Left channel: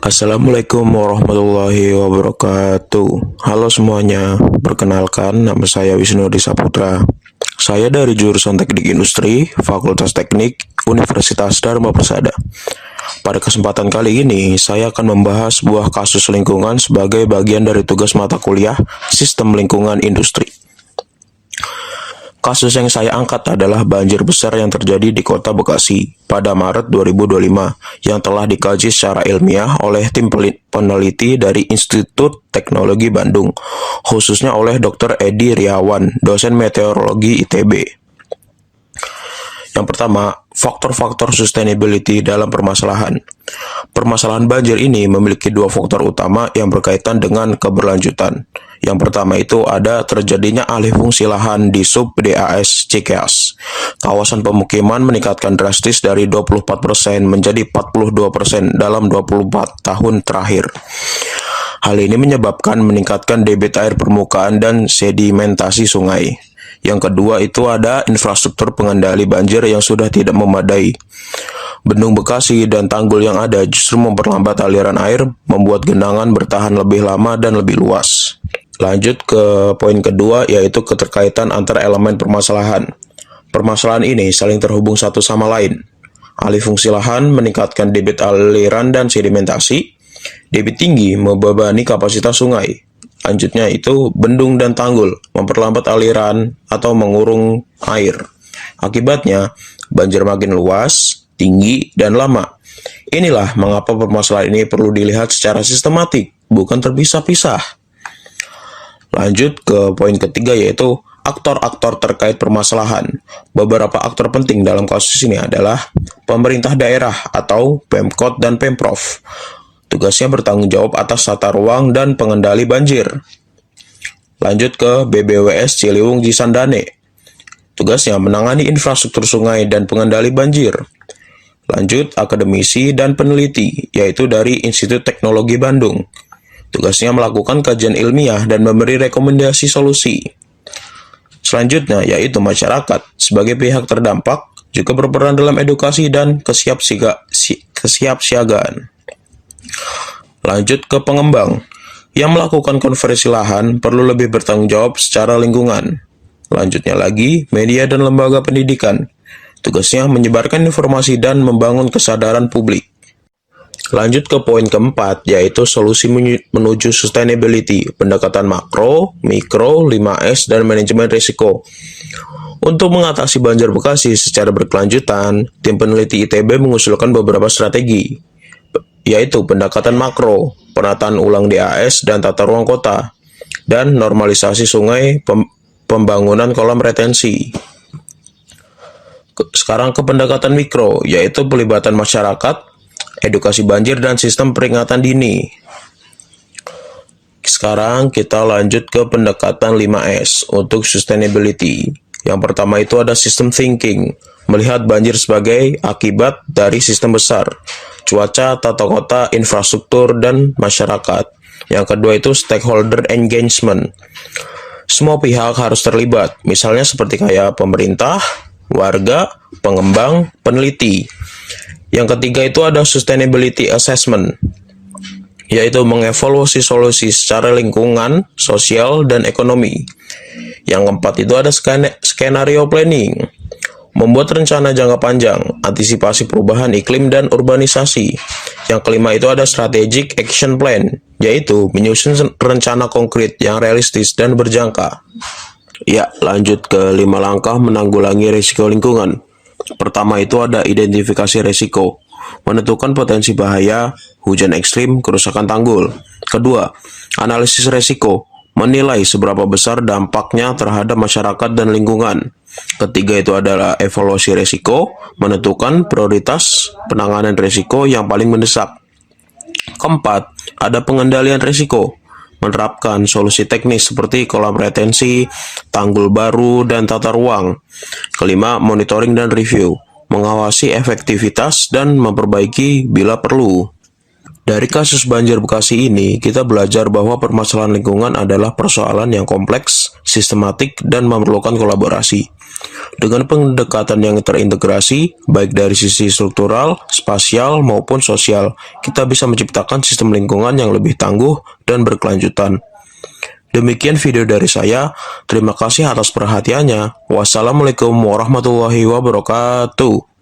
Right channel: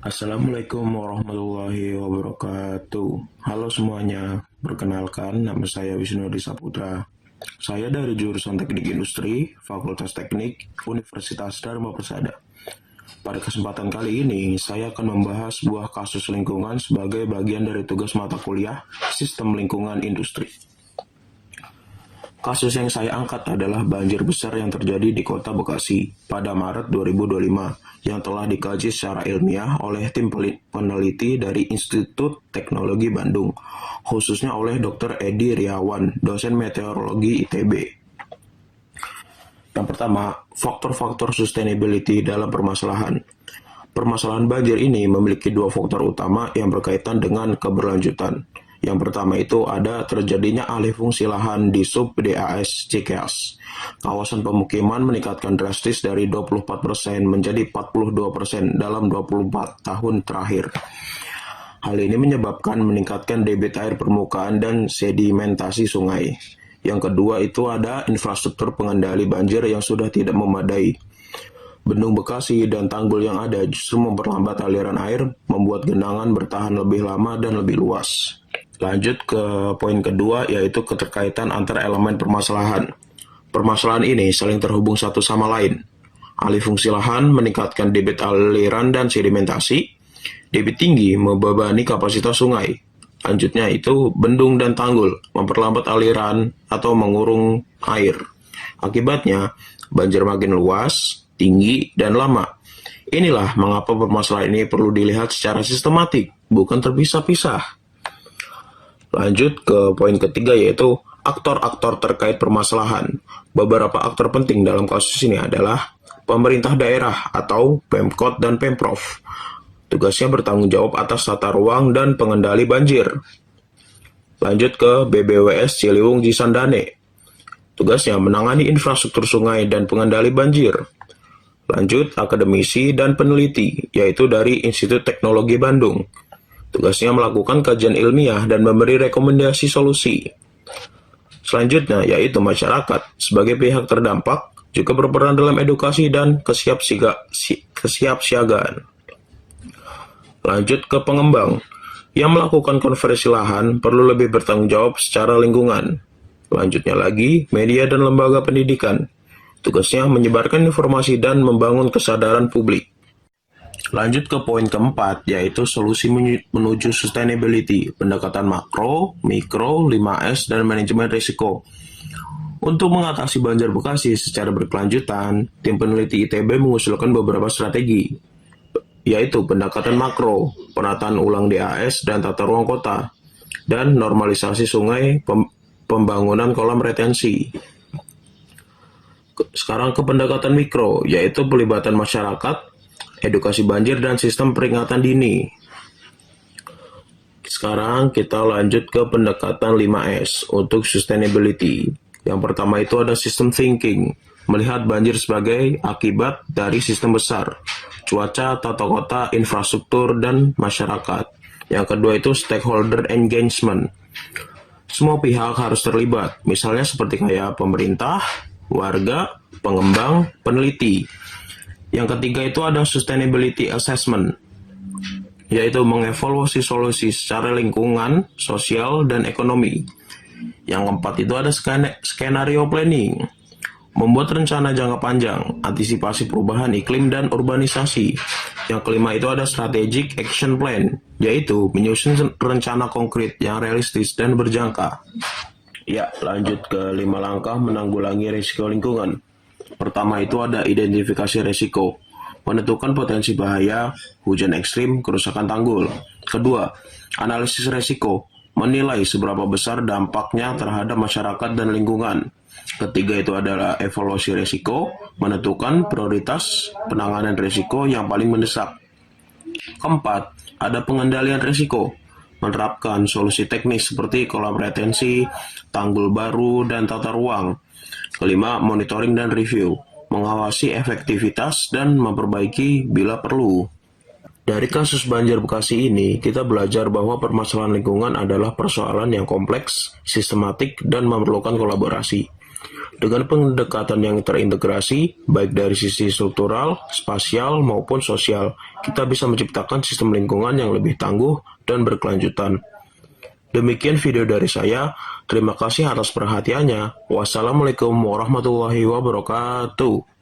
Assalamualaikum warahmatullahi wabarakatuh. Halo semuanya, perkenalkan nama saya Wisnu Saputra. Saya dari jurusan Teknik Industri, Fakultas Teknik, Universitas Dharma Persada. Pada kesempatan kali ini, saya akan membahas sebuah kasus lingkungan sebagai bagian dari tugas mata kuliah Sistem Lingkungan Industri. Kasus yang saya angkat adalah banjir besar yang terjadi di Kota Bekasi pada Maret 2025 yang telah dikaji secara ilmiah oleh tim peneliti dari Institut Teknologi Bandung, khususnya oleh Dr. Edi Riawan, dosen meteorologi ITB. Yang pertama, faktor-faktor sustainability dalam permasalahan. Permasalahan banjir ini memiliki dua faktor utama yang berkaitan dengan keberlanjutan. Yang pertama itu ada terjadinya alih fungsi lahan di sub DAS Cikeas. Kawasan pemukiman meningkatkan drastis dari 24% menjadi 42% dalam 24 tahun terakhir. Hal ini menyebabkan meningkatkan debit air permukaan dan sedimentasi sungai. Yang kedua itu ada infrastruktur pengendali banjir yang sudah tidak memadai. Bendung Bekasi dan tanggul yang ada justru memperlambat aliran air, membuat genangan bertahan lebih lama dan lebih luas. Lanjut ke poin kedua, yaitu keterkaitan antara elemen permasalahan. Permasalahan ini saling terhubung satu sama lain. Alih fungsi lahan meningkatkan debit aliran dan sedimentasi. Debit tinggi membebani kapasitas sungai. Lanjutnya itu bendung dan tanggul memperlambat aliran atau mengurung air. Akibatnya, banjir makin luas, tinggi, dan lama. Inilah mengapa permasalahan ini perlu dilihat secara sistematik, bukan terpisah-pisah. Lanjut ke poin ketiga, yaitu aktor-aktor terkait permasalahan. Beberapa aktor penting dalam kasus ini adalah pemerintah daerah atau Pemkot dan Pemprov. Tugasnya bertanggung jawab atas tata ruang dan pengendali banjir. Lanjut ke BBWS Ciliwung Cisandane. Tugasnya menangani infrastruktur sungai dan pengendali banjir. Lanjut akademisi dan peneliti, yaitu dari Institut Teknologi Bandung. Tugasnya melakukan kajian ilmiah dan memberi rekomendasi solusi. Selanjutnya, yaitu masyarakat sebagai pihak terdampak, juga berperan dalam edukasi dan kesiapsiagaan. Lanjut ke pengembang, yang melakukan konversi lahan perlu lebih bertanggung jawab secara lingkungan. Lanjutnya lagi, media dan lembaga pendidikan. Tugasnya menyebarkan informasi dan membangun kesadaran publik. Lanjut ke poin keempat, yaitu solusi menuju sustainability, pendekatan makro, mikro, 5S, dan manajemen risiko. Untuk mengatasi banjir Bekasi secara berkelanjutan, tim peneliti ITB mengusulkan beberapa strategi, yaitu pendekatan makro, penataan ulang DAS dan tata ruang kota, dan normalisasi sungai, pembangunan kolam retensi. Sekarang ke pendekatan mikro, yaitu pelibatan masyarakat, edukasi banjir, dan sistem peringatan dini. Sekarang kita lanjut ke pendekatan 5S untuk sustainability. Yang pertama itu ada system thinking, melihat banjir sebagai akibat dari sistem besar, cuaca, tata kota, infrastruktur, dan masyarakat. Yang kedua itu stakeholder engagement. Semua pihak harus terlibat, misalnya seperti kayak pemerintah, warga, pengembang, peneliti. Yang ketiga itu ada sustainability assessment, yaitu mengevaluasi solusi secara lingkungan, sosial, dan ekonomi. Yang keempat itu ada skenario planning, membuat rencana jangka panjang, antisipasi perubahan iklim dan urbanisasi. Yang kelima itu ada strategic action plan, yaitu menyusun rencana konkret yang realistis dan berjangka. Ya, lanjut ke 5 langkah menanggulangi risiko lingkungan. Pertama itu ada identifikasi risiko, menentukan potensi bahaya, hujan ekstrim, kerusakan tanggul. Kedua, analisis risiko, menilai seberapa besar dampaknya terhadap masyarakat dan lingkungan. Ketiga itu adalah evaluasi risiko, menentukan prioritas penanganan risiko yang paling mendesak. Keempat, ada pengendalian risiko, menerapkan solusi teknis seperti kolam retensi, tanggul baru, dan tata ruang. Kelima, monitoring dan review, mengawasi efektivitas dan memperbaiki bila perlu. Dari kasus banjir Bekasi ini, kita belajar bahwa permasalahan lingkungan adalah persoalan yang kompleks, sistematik, dan memerlukan kolaborasi. Dengan pendekatan yang terintegrasi, baik dari sisi struktural, spasial, maupun sosial, kita bisa menciptakan sistem lingkungan yang lebih tangguh dan berkelanjutan. Demikian video dari saya. Terima kasih atas perhatiannya. Wassalamualaikum warahmatullahi wabarakatuh.